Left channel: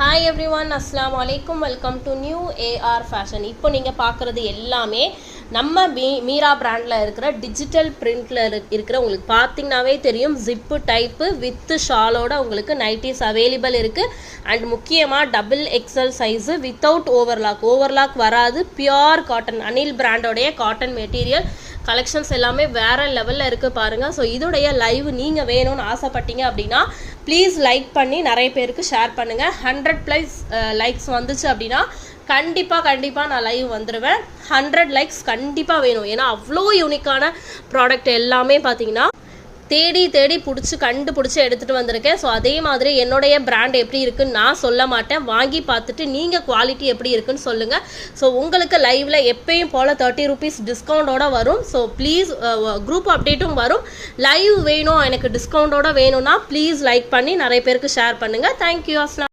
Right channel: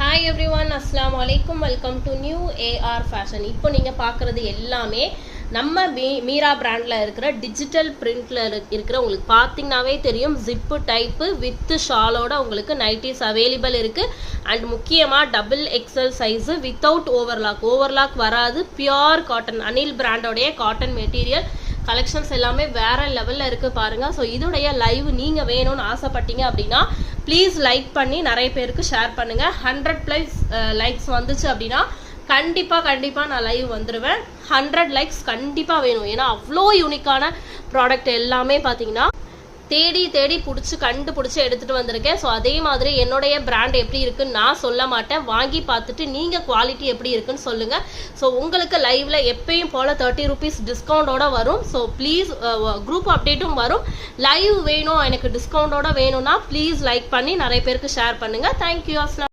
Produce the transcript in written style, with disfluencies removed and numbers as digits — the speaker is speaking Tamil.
ஹாய் எவ்ரி ஒன், அஸ்லாம் வலைக்கும். Welcome to new AR fashion. இப்போ நீங்கள் பார்க்குறது எல்லாமே நம்ம மீரா பிராண்டில் இருக்கிற டிஜிட்டல் பிரிண்டில் இருக்கிற உங்களுக்கு பார்த்தீங்கன்னாவே தெரியும். ஜிப்பு டைப்பு வித் ஷாலோட உங்களுக்கு நைட்டிஸ் அவைலபிள் இருக்குது. அண்ட் முக்கியமாக double XL size without overlock வராது. பியோர் காட்டன், அனில் பிராண்டோடைய காட்டன் மெட்டீரியல் கலெக்ஷன்ஸ் எல்லாமே வேற லெவலில் இருக்குது பாருங்கள். ஸோ இதோடைய லைவ் நீங்கள் வேணும்னு ஆசைப்பட்டீங்க அப்படின்னா ப்ளீஸ் லைக் பண்ணி நிறைய பேருக்கு ஷேர் பண்ணுங்கள். 100+ லைக்ஸ் வந்துச்சு அப்படின்னா கண்டிப்பாக நான் லைவ் வந்துடுவேன். 100 லைக்ஸ் கண்டிப்பாக வேணும். ஏன்னா அவ்வளோ யூனிக்கான ப்ராடக்ட் எல்லாமே பார்த்தீங்கன்னா தேடி கண்டுபிடிச்சி எடுத்துகிட்டு வந்திருக்கேன். ஸோ அதே மாதிரி என்னுடைய பிராண்ட் எப்படி இருக்குன்னு நான் சொல்ல மாட்டேன். வாங்கி பார்த்துட்டு நீங்கள் குவாலிட்டி எப்படி இருக்குன்னு சொல்லுங்கள். ஸோ உங்களுக்கு லைவில் எப்பயும் போல் 30 rupees டிஸ்கவுண்டோட வரும். ஸோ ப்ளீஸ் குரூப் அப்டேட்டும் வரும். லைவ் வேணும் எனக்கு டிஸ்கவுண்டோட வேணும்னா ப்ளீஸ் லைக் பண்ணி நிறைய பேருக்கு ஷேர் பண்ணுங்கள். தேங்க்யூ.